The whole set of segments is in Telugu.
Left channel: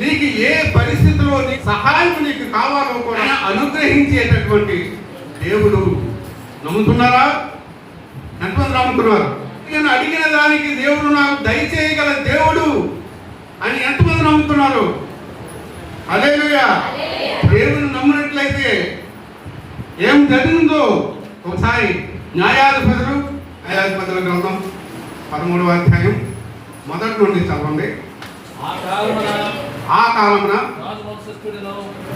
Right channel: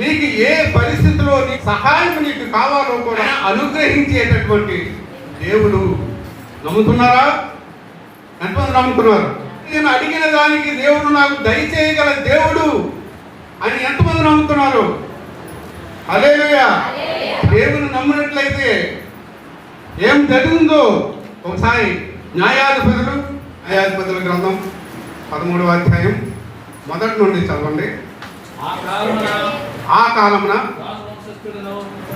నీకు ఏ పరిస్థితిలో నీ సహాయం నీకు కావాలో కూడా అనుగ్రహించేటటువంటి దేవుడు. నమ్ముతున్నారా? ఎంతమంది నమ్ముతున్నారు? నేను అడిగిన దానికి దేవుడు నాకు దయచేయగల దేవుడు అని ఎంతమంది నమ్ముతున్నారు? హల్లెలూయా. దేవుని నమ్మినట్లయితే ఏం జరిగిందో ఒకసారి న్యాయాధిపతుల గ్రంథం 13వ అధ్యాయం మొదటి నుండి చదవండి. ఆ కాలమున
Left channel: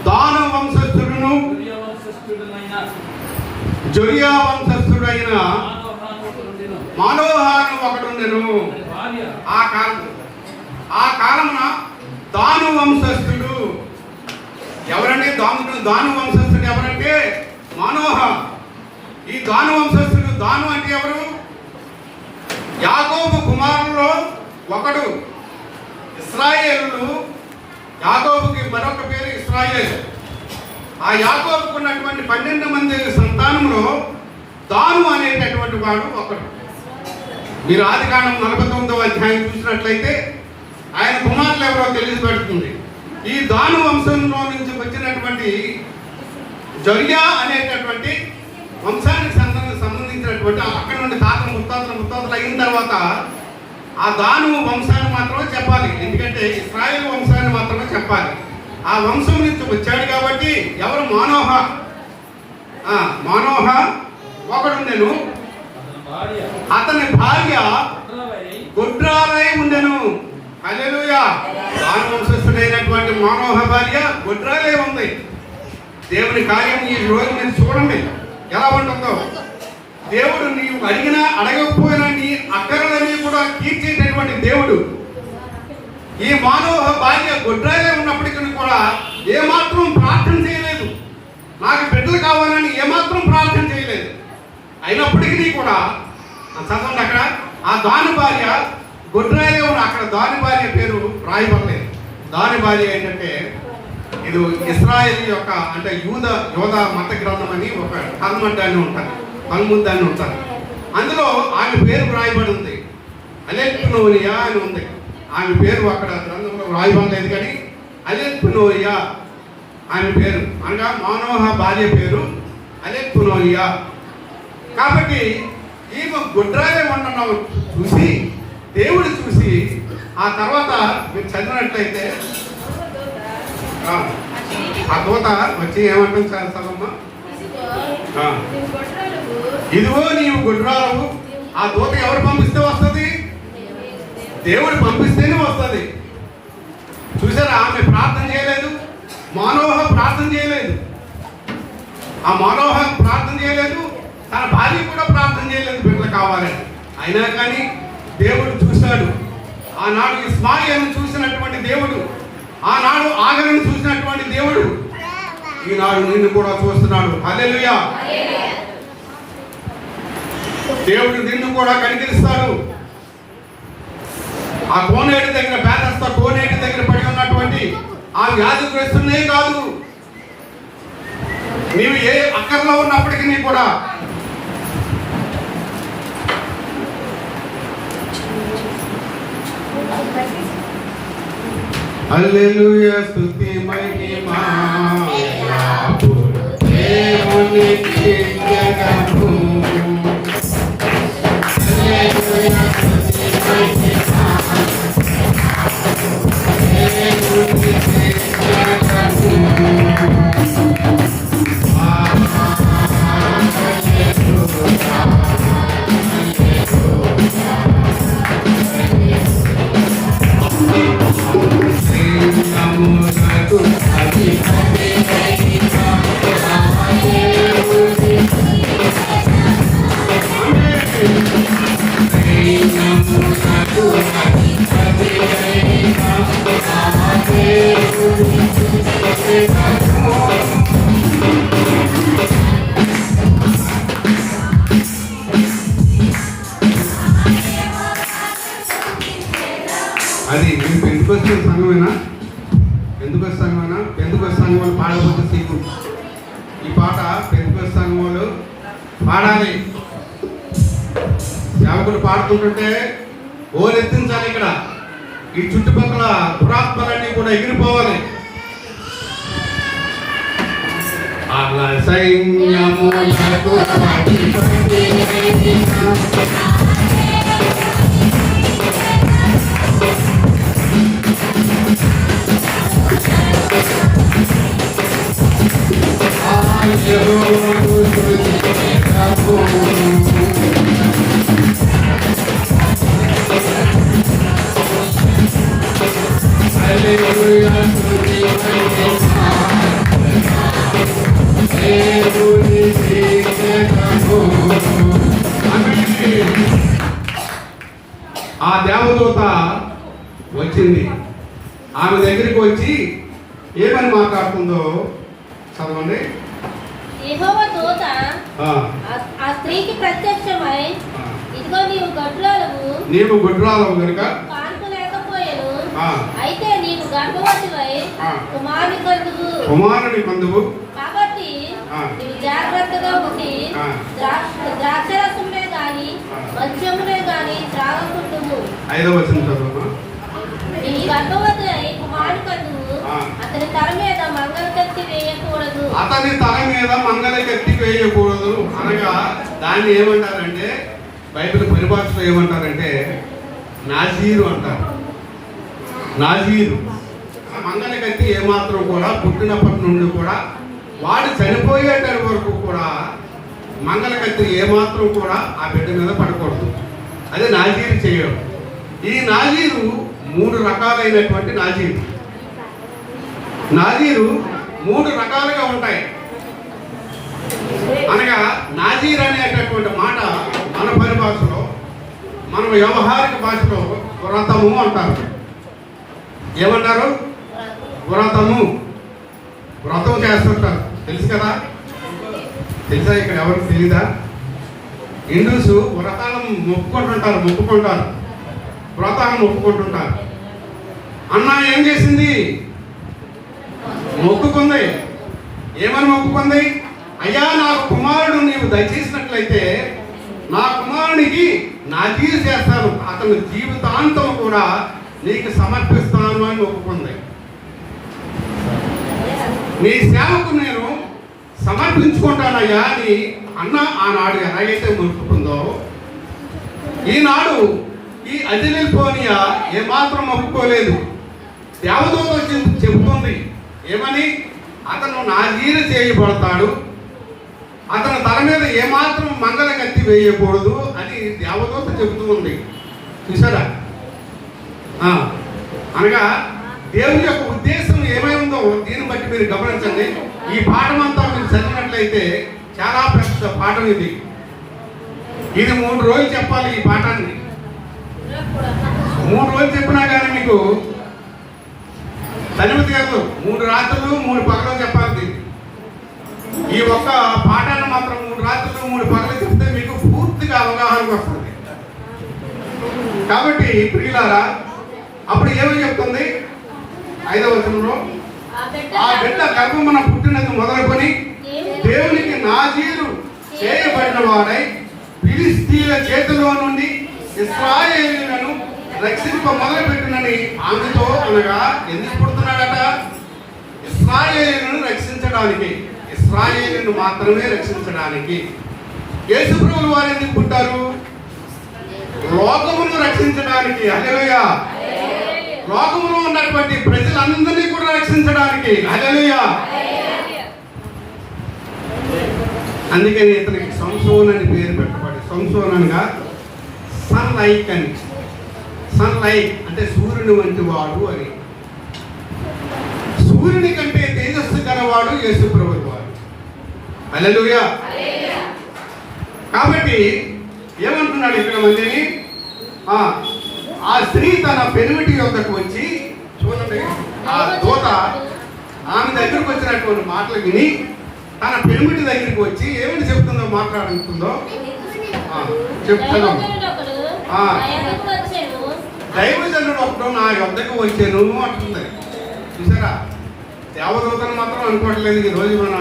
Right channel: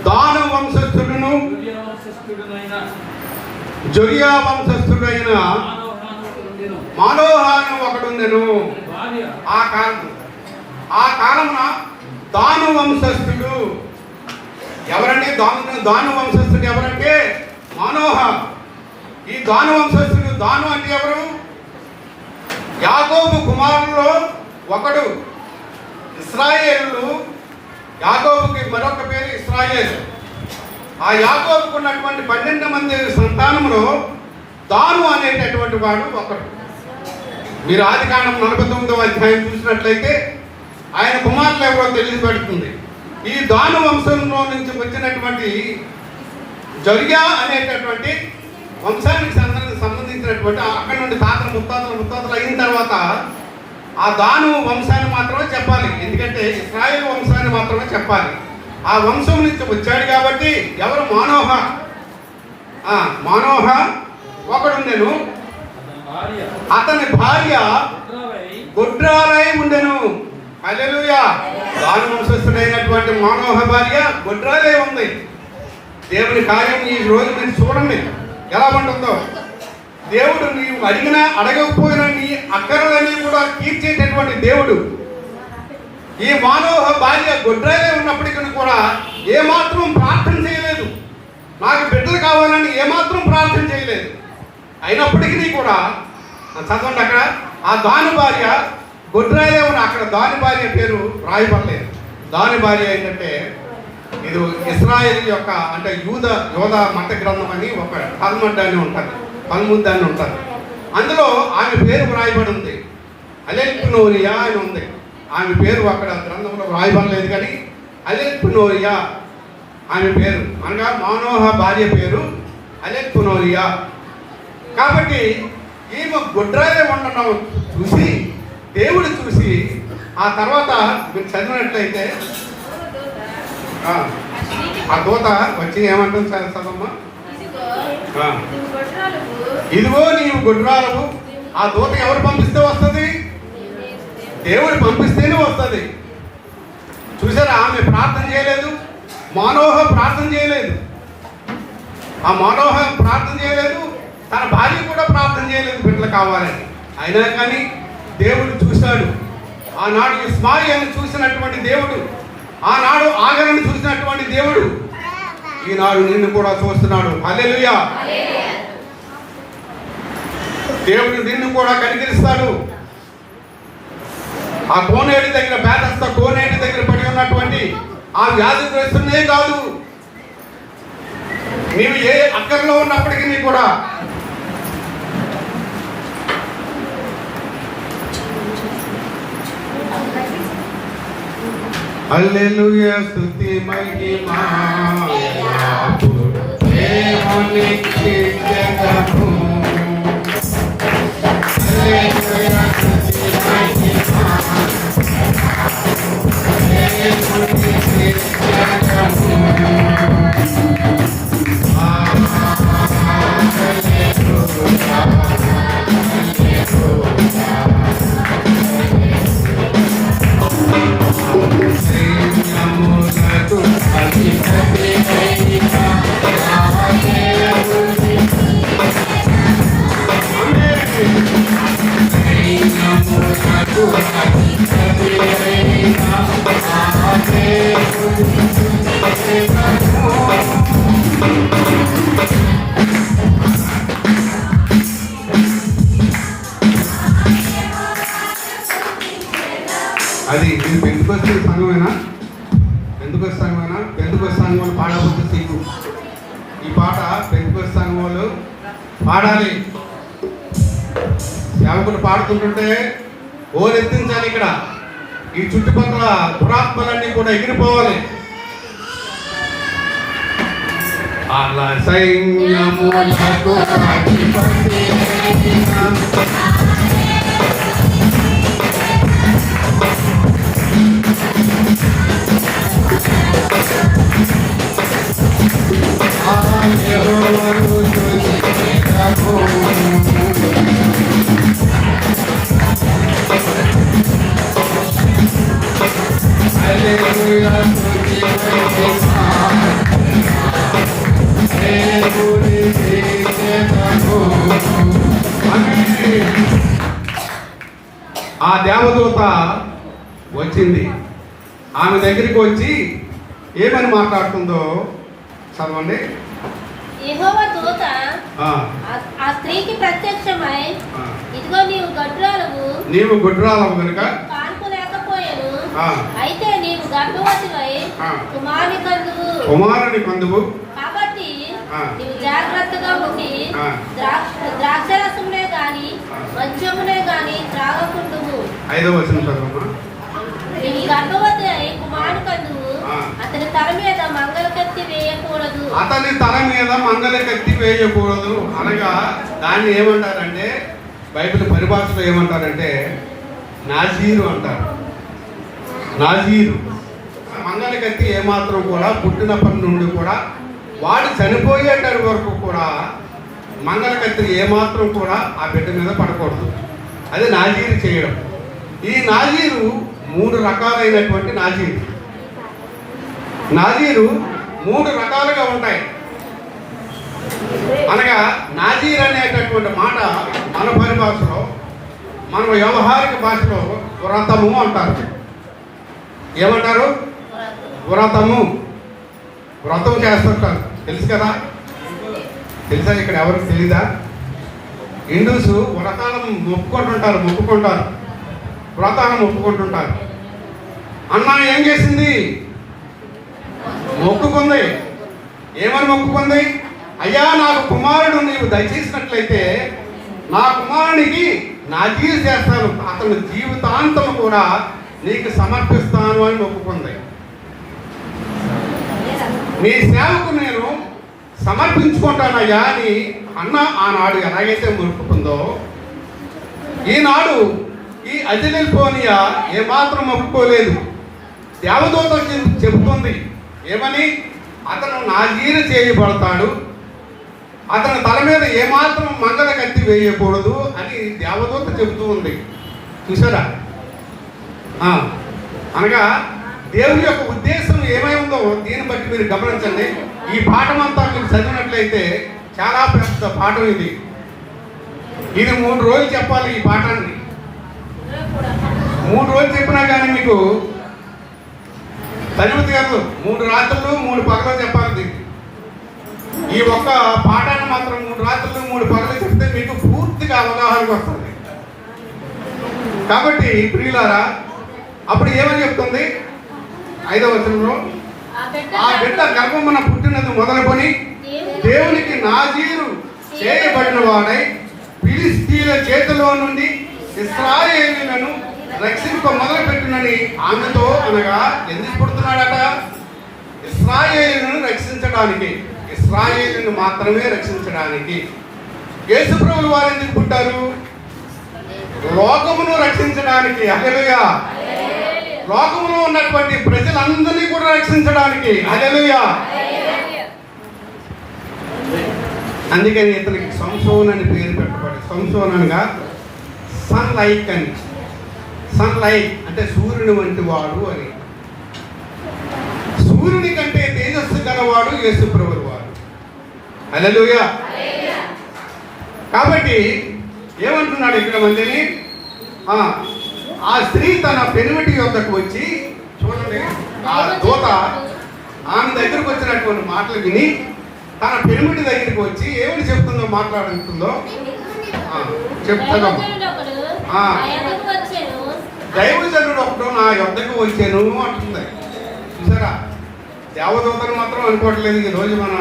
దాను వంశస్థుడును జొరియా వంశస్థుడైన మానోహాను ఒకడుండెను. ఆ కాలమున దాను వంశస్థుడు ఎవరంటే దాను వంశస్థుడు ఎవరంటే మానోహ. ఈ దాను వంశస్థుడు, దాను అంటే ఎవరు? యాకోబు కుమారుల్లో ఒకడు. ఇశ్రాయేలు, యాకోబుకి మరొక పేరు ఇశ్రాయేలు. ఆ యాకోబుకు ఉన్నటువంటి 12 మంది సంతానంలో దాను అనేటటువంటి వాడు ఒకడు. మీరు ఆదికాండం 49వ అధ్యాయం చూసినట్లయితే ఆయన కుమారులు ఎవరో తెలియబడుతుంది. ఈ దాను వంశంలో నుంచి వచ్చినటువంటి జొరియా అనేటటువంటి వంశానికి సంబంధించినటువంటి అక్కడి నుండి తాత ముత్తాతలు అయిన తర్వాత ఆ దాను వంశాన్ని మాత్రమే చెప్పాలి. ఎందుకంటే ఇశ్రాయేలు వంశాన్ని మాత్రమే చెప్పాలి. ఆ వంశం నుంచి వచ్చాడు కాబట్టి ఎవరు? మానోహ. మానోహ ఒకడుండెను. అతని భార్య గొడ్రాలై ఉండెను. హల్లెలూయా. దాను వంశస్థుడైనటువంటి మానోహ భార్య గొడ్రాలై ఉంది. దేవుని కార్యం ఈ రోజు మీరు చూడండి ఎలా ఉంటుందో. దేవుడు నీవు అడిగినా అడగకపోయినా నీ అక్కరలని కూడా తీర్చేటటువంటి దేవుడు. ఈ మానవ భార్య గొడ్రాలే ఉన్నప్పటికీ కూడా ఏమాత్రం ప్రార్థన చేయలేదు. నాకు బిడ్డలు కావాలని ఏమాత్రం ప్రార్థన చేయలేదు. అయినప్పటికీ కూడా చదవండి అక్కడ ఆ దాని భార్య గొడ్రాలే ఉన్న అక్కడ దాని భార్య పేరు రాయబడలేదు. దాని భార్య ఏంటంటే ఇది ఇశ్రాయేలు యొక్క అంటే యోధ మత గ్రంథం అని ఒక తల్ముద్ అని ఉంటుంది. అందులో ఆమె పేరు రాయబడి ఉంది. అలెక్నోరియా అని ఉంది. ఆమె పేరు అక్కడ గ్రంథంలో రాయబడలేదు, కానీ అలెక్నోరియా ఆమె పేరు. అనగా మానోహ భార్య పేరు అలెక్నోరియా. కాబట్టి ఈమె గొడ్రాలే ఉండడం చూసి దేవుడు చూసి ఆ తర్వాత మీరు చదివినట్లయితే ఆ దూత వచ్చి ఏమంటుంది చదవమ్మా? ఇదిగో నీవు గొడ్రాలవు. ఆ దూత ఎవరు పంపిస్తే వస్తుంది? దేవుడు పంపిస్తేనే వస్తుంది. చూసారా? ఆమె ప్రార్థన చేయలేదు, మానోహ ప్రార్థన చేయలేదు. ఆ మానోహ ప్రార్థన చేయలేదు, తన భార్య కూడా ప్రార్థన చేయలేదు బిడ్డలు కావాలని. అయినా కానీ దేవుడు చూశాడు. ఆనాడు ఇస్మాయిల్ని చూసినటువంటి దేవుడు, ఆనాడు ఆగరను చూసినటువంటి దేవుడు ఈనాడు నిన్ను కూడా చూస్తున్నాడు. హల్లెలూయా. దేవుడు నిన్ను కూడా కనికరిస్తాడు. ఆ కోనేటి దగ్గర పేదస్థ కోనేటి దగ్గర పడి ఉన్నటువంటి ఆ వ్యాధిగ్రస్తునే కాదు, నీవు ఏ అక్కర్లో ఉన్నప్పటికీ కూడా హల్లెలూయా స్తుతి మహిమా దేవునికి జగము. హల్లెలూయా స్తుతి మహిమా దేవునికి జగము. అది మీరు పెంచుకొచ్చే సంఘమేనా? పెంచుకొచ్చే సంఘమేనా? పెంచుకొచ్చే సంఘం వాళ్ళు పాడబోతే సిగ్గు. ఈ పాట పెంచుకొచ్చే సంఘం వాళ్ళు పాడాలి. సేవకులు పాడుతుంటుంటే ఓరెత్తించాలి. ఇక్కడ ఈ చుట్టుపక్కల దురాత్మలన్నీ కూడా ఎగిరిపోవాలి. అలా సైన్యములకు ఆ దేవదూత వచ్చింది. ఆమె దగ్గరికి వచ్చి ఏమని మాట్లాడుతుందో చదవండి. యెహోవా దూత ఆ స్త్రీకి ప్రత్యక్షమై, ఇదిగో నీవు గుడ్రాలవు కనుక కాన్పు లేకపోయెను, అయితే నీవు గర్భవతివై కుమారుని కందువు, కాబట్టి నీవు జాగ్రత్తగా ఉండి ద్రాక్షరసమునే గాని మద్యమునే గాని త్రాగకుండుము. 5వ వచనం చదువు. నీవు గర్భవతి అయి కుమారుని కందువు, అతని తల మీద మంగళకత్తి వేయకూడదు. అతని తల మీద మంగళకత్తి వేయకూడదు అనగా దాన్ని ఏమంటారంటే, బైబిల్ పరిభాషలో ఏమంటారంటే నాజీరు అంటారు. నాజీరు మంగళకత్తి ఏమాత్రం కూడా పుట్టినప్పటి నుండి కూడా వాడు చనిపోయేటటి వరకు కూడా మంగళకత్తి ఏమాత్రం కూడా ఆ బిడ్డ మీద పడకూడదు. అది నాజీరు చేయడం. ఈ నాజీరు 3 రకాలైనటువంటి నాజీరు. నాజీరు 3 రకాలుగా ఉంటాయి. అనగా నాజీర్ అనేటటువంటి మాట మన పరిభాషలో, మన వ్యవహారిక భాషలో వ్రతము అంటారు. ఏమంటారు? వ్రతము. వ్రతం చేస్తుంటారు, తెలుసు కదా? తెలుసా? ఇక్కడ ఎవరికి తెలీదా? హిందూస్ వ్రతాలను మొక్కుకుంటారు, వ్రతాలను ఒప్పుకుంటుంటారు. అన్న ఏం చేసింది? మొక్కుకుంది. ఏమని మొక్కుకుంది? అయ్యా, నాకు కుమారుడు నీవు దయచేసినట్లయితే నా కుమారునికి నాజీరు చేస్తాను, అతని జీవితాంతం కూడా నీకు సమర్పిస్తాను అని మొక్కుకుంది. నీ సేవకు నేను సమర్పించుకుంటానయ్యా అని అన్న ఆనాడు ఎలాగైతే మొక్కుకుందో, ఈనాడు ఈ అజిలిపోనియా ఏమాత్రం మొక్కుకోలేదు. దేవదూత చెబుతుంది ఏమని? అతను నాజీరు చేయబడతాడు, అతని తల మీద ఏమాత్రం మంగళకత్తి వేయకూడదు అని దేవదూత చెబుతూ ఉంది. చూసారా? అనగా దేవుని యొక్క ఉద్దేశం ఏమై ఉందో దీన్ని బట్టి మీరు గమనించండి. ఈ పాఠం అంతా మీరు చదివినట్లయితే చాలా పెద్ద పాఠం ఇది. 3 రోజులు చెప్పాలి ఈ పాఠాన్ని. 3 రోజులు చెప్పినా కానీ మీకు చదివితే కాదు. 3 రాత్రులు 3 పగలు చెప్పాలి. ఈ ఒక్క పాఠాన్ని మాత్రం 3 రాత్రులు 3 పగలు చెప్తే మీకు పూర్తిగా అవగాహనకు వస్తుంది. కాబట్టి ప్రియులారా, అప్పుడు ఏమని చెప్తుంది? 5వ వచనంలో, ఆ బిడ్డ గర్భమున పుట్టినది మొదలుకొని దేవునికి నాజీరు చేయబడిన వాడై ఫిలిష్తీయుల చేతిలో నుండి ఇశ్రాయేలులను రక్షింప మొదలుపెట్టినని ఆమెతో అనగా ఎందుకు పుడుతున్నాడట? ఇశ్రాయేలులను రక్షించడానికి, ఇశ్రాయేలును మాత్రమే రక్షించడానికి. యేసుప్రభువు వారు ఎందుకు పుట్టారు? లోకమును రక్షించడానికి. హల్లెలూయా! లోకములో ఉన్నటువంటి ప్రజలందరినీ కూడా రక్షించడానికి. హల్లెలూయా! అందుకని ఇతనికి సంసోన్ అని పేరు పెట్టబడి, సంసోన్ అనగా సన్ లైక్ అని. సన్ లైక్ అంటే సూర్యుని వంటి వాడు అని. సూర్యుని కంటే తేజస్సు గలవాడు యేసుప్రభువు వారు. హల్లెలూయా! కాబట్టి ఏమంటున్నాడు ఇక్కడ మళ్ళీ? ఆ స్త్రీ తన పెనిమిటి యొద్దకు వచ్చి, చూడండి, ఆ దూత ఆమె దగ్గరకు వచ్చినటువంటి మాటలు విని తన పెనిమిటి దగ్గరికి వచ్చి ఏమని చెప్తుందో, మాట్లాడుతుందో చెప్తున్నాం. దైవజనుడు ఒకడు నా యొద్దకు వచ్చాను అంటుంది. చూసారా? దేవదూతలు మాత్రం అనుకోవట్లేదు. ఈ రోజు మన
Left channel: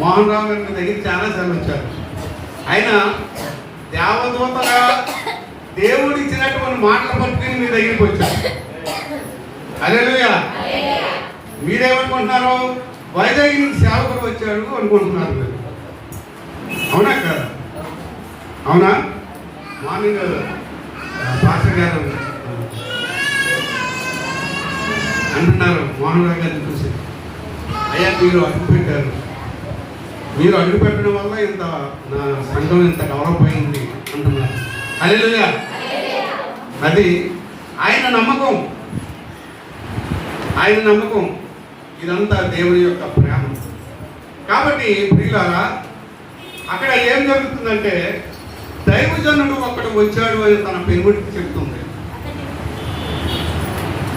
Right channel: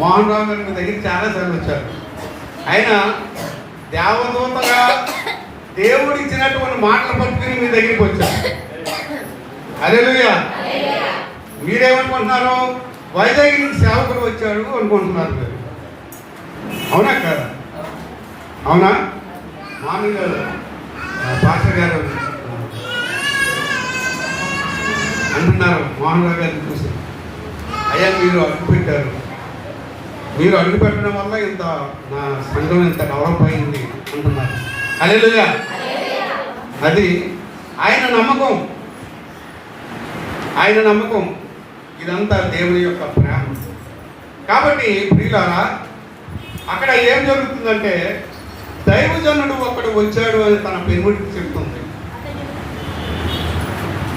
మోహన్ రావు గారి దగ్గర చాలా సార్లు వచ్చారు. అయినా దేవదూతగా దేవుడు ఇచ్చినటువంటి మాటలు పట్టుకుని మీ దగ్గరికి వచ్చారు. హల్లెలూయా. మీరేమనుకుంటున్నారు? వైజాగ్ నుండి సేవకుడు వచ్చాడు అనుకుంటున్నారు మీరు. అవునా కదా? అవునా? మార్నింగ్ పాస్టర్ గారు అంటున్నారు మోహన్ రావు గారిని చూసి, అయ్యా మీరు అడుగుపెట్టారు, మీరు అడుగుపెట్టడం వల్ల ఇంత నా సంఘం ఇంత డెవలప్ అయింది అంటున్నారు. హల్లెలూయా. అది ఆయన నమ్మకం, ఆయన నమ్మకం. ఇదంతా దేవుని యొక్క ప్రేమ. కాబట్టి ప్రియులారా, అక్కడ ఏం జరుగుతుందంటే దైవజనుడు ఒకడు వచ్చాడు అని తన పెనుడికి చెప్తుంది.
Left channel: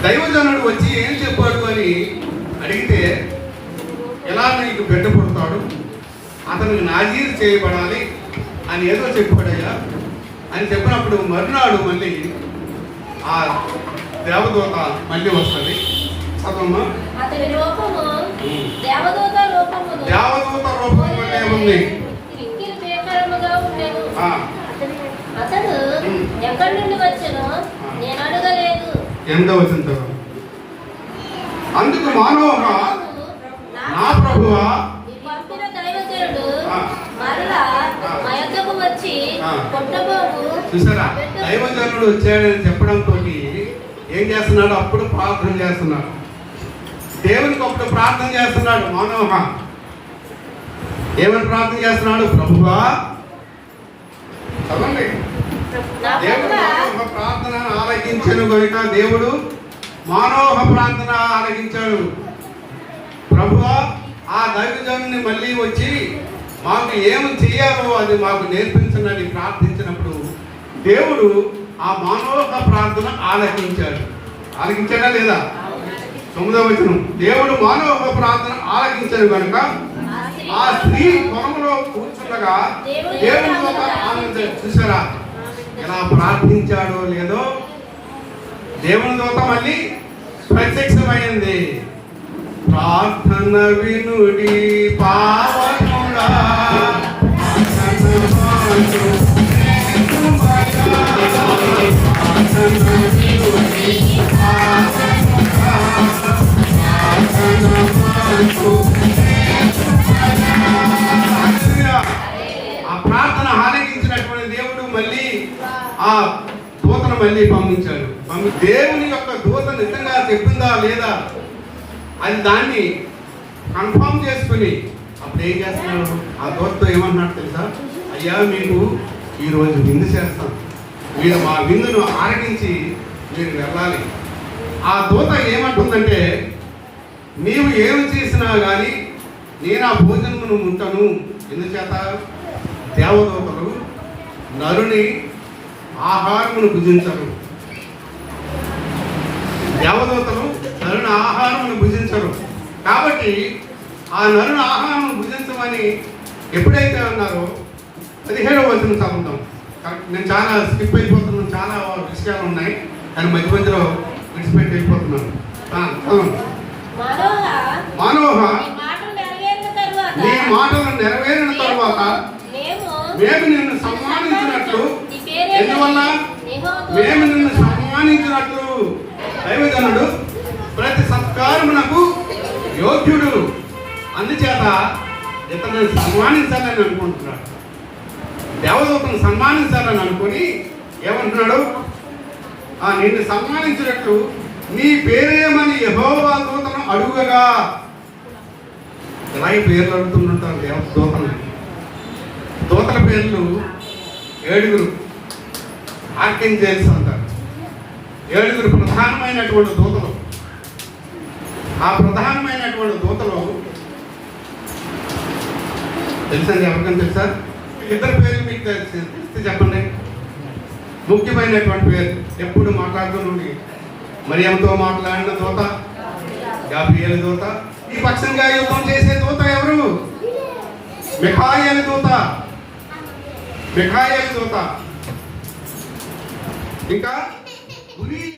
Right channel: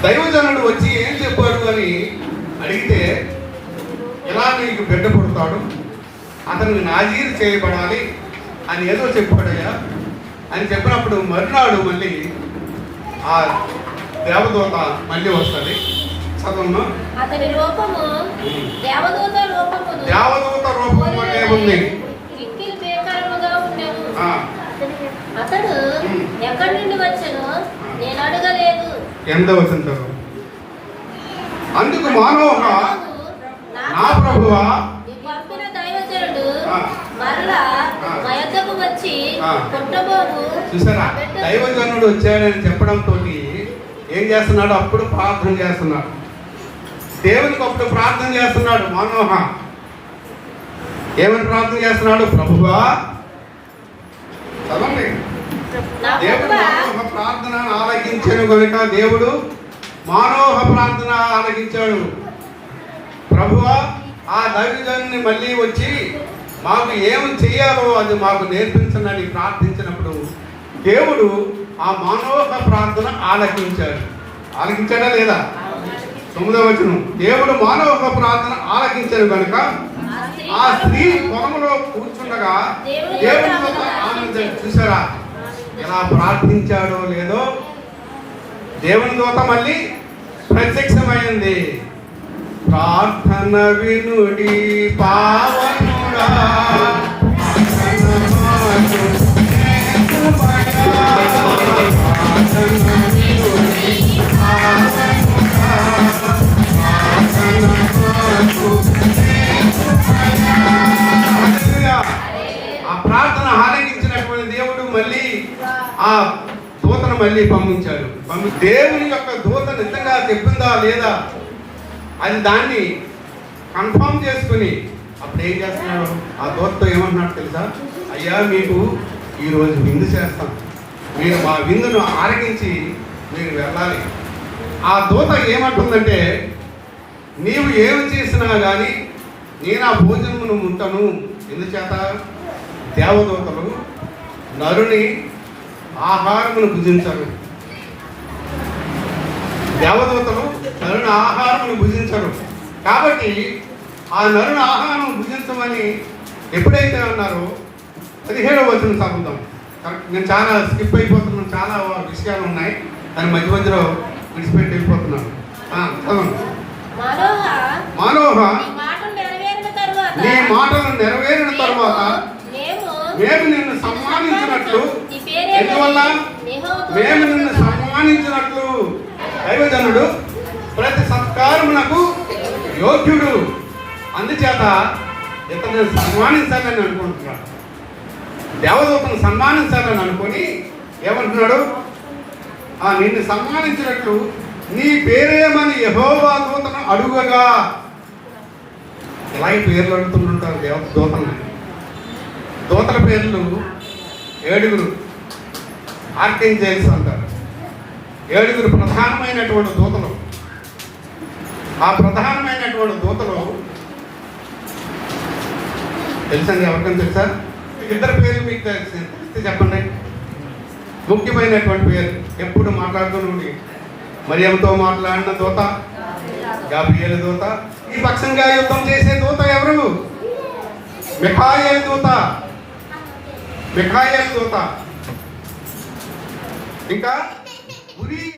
దైవజనుడు వచ్చి ఏం చెప్పాడు అని అడిగితే, ఎలా నీకు బిడ్డ పుడతాడు, అతనికి నాజీరు చేయబడాలి అని ఏదో చెప్పాడయ్యా అని చెప్పినప్పుడు మరునాడు మళ్ళీ ఆ దేవదూత మళ్ళీ వస్తుంది. చదవమ్మా. అతని రూపము దేవదూత రూపమును దేవదూత రూపం అంటే ఉంది. కిక్కిరి పేకారముగా ఉండెను. ఆ, అతడు ఎక్కడి నుండి వచ్చెను నేను అడగలేదు. ఎంత వచ్చింది? అందుకు మానోహ, నా ప్రభువా, ఈ పంపిన దైవజనుడు ఆ. మరలా మా యొద్దకు వచ్చి పుట్టబోవు చూసారా? దైవజనుడు వచ్చాడని చెప్పడంతో ఏం చేస్తున్నాడు? అప్పుడు ప్రార్థన చేస్తున్నాడు, దేవునికి అప్పుడు ప్రార్థన చేస్తున్నాడు మానోహ. ఏమని ప్రార్థన చేస్తున్నాడు? ప్రభువా, చదవండి. దేవుడు మానోహ ప్రార్థన ఆలకించను కనుక దేవుడు మానోహ ప్రార్థన ఆలకించాడు. ప్రభువా, ఆ దైవజనుని మళ్ళీ వచ్చి మాకు ఏం చెయ్యాలో అది మాకు నేర్పించనని ప్రార్థించినప్పుడు దేవుడు ఆ మానోహ ప్రార్థన ఆలకించాడు. ఆలకించాడా లేదా? 9వ వచనం, దేవుడు మానవ ప్రార్థన ఆలకించాడు కనుక ఆ స్త్రీ పొలంలో కూర్చుండగా దేవుడితో ఆనందించాడు. చూసారా ఎలా ప్రార్థించాడో లేదో? దేవుని దూత మళ్ళీ ప్రత్యక్షమైంది. ప్రార్థన వినుడి పావనుడా, ఆ ప్రార్థన ఆలకించినటువంటి దేవుడు మళ్ళీ ఆ దూతను మళ్ళీ పంపించాడు. దేవుని యొక్క దూత నిజంగా చెప్పిందా లేదా అని దాన్ని కన్ఫర్మ్ చేసుకుని అప్పుడు ఏం చేస్తున్నాడు? ఆ దూతతో ఏమన్నాడు తెలుసా? అయ్యా, మీకు ఈరోజు విందు చేస్తాం, మీరు మా విందును ఆరగించి మీరు వెళ్ళాలి. ఆ దూత ఏమంటుందంటే, నీవు ఏమి చేసినా కానీ నేను ఆ భోజనమును ముట్టను. ఎందుచేత? దేవదూతలు నరుని ఆహారమును భుజించరు. దేవదూతలు నరుని ఆహారమును భుజించరు. కాబట్టి ఆ నరుని ఆహారం భుజించమని ఎప్పుడైతే అన్నారో 17వ వచనం చదువుతాం. నేను చాలా స్కిప్ అయిపోతున్నాను, చాలా విషయాలు ఉన్నాయి, కానీ మధ్య మధ్యలో విడిచిపెట్టి వెళ్ళిపోతున్నాను. మానవ, నీ మాటలు నెరవేరిన తర్వాత మేము నిన్ను సన్మానించినట్లు, ఎందువల్ల మేము నిన్ను సన్మానించినట్లు దైవజనుడు ప్రతి సత్కారమునకు యోగ్యుడు, అందుచేత ఇతను సన్మానించాలని అనుకుంటున్నాడు. దేవదూతను సన్మానించాలని అనుకుని ఏమంటున్నాడు? నిన్ను సన్మానించినట్లు నీ పేరేమని యెహోవా దూతను అడుగగా. ఇలాగే పేర్లు అడుగుతుంటారు దూతలు. దూతల పేర్లు 7 ఆర్కింజెల్స్ అంటారు. 7 ప్రధానమైనటువంటి దూతలు. ఆ ప్రధానమైనటువంటి దూతలు తెలుసండి? ఎవరికైనా తెలుసా? 2 పేర్లు మీకు తెలిస్తే చెప్పండి. ముఖ్యమైనటువంటి పేరు ఎప్పుడు మాట్లాడుతూ మరియంతో మాట్లాడిన దూత, గాబ్రియేలు దూత. ఈ పక్షంగా యుద్ధం చేసే దూత ఎవరు? మిఖాయేలు దూత. మిఖాయేలు దూత. ఇంకా ఉరియా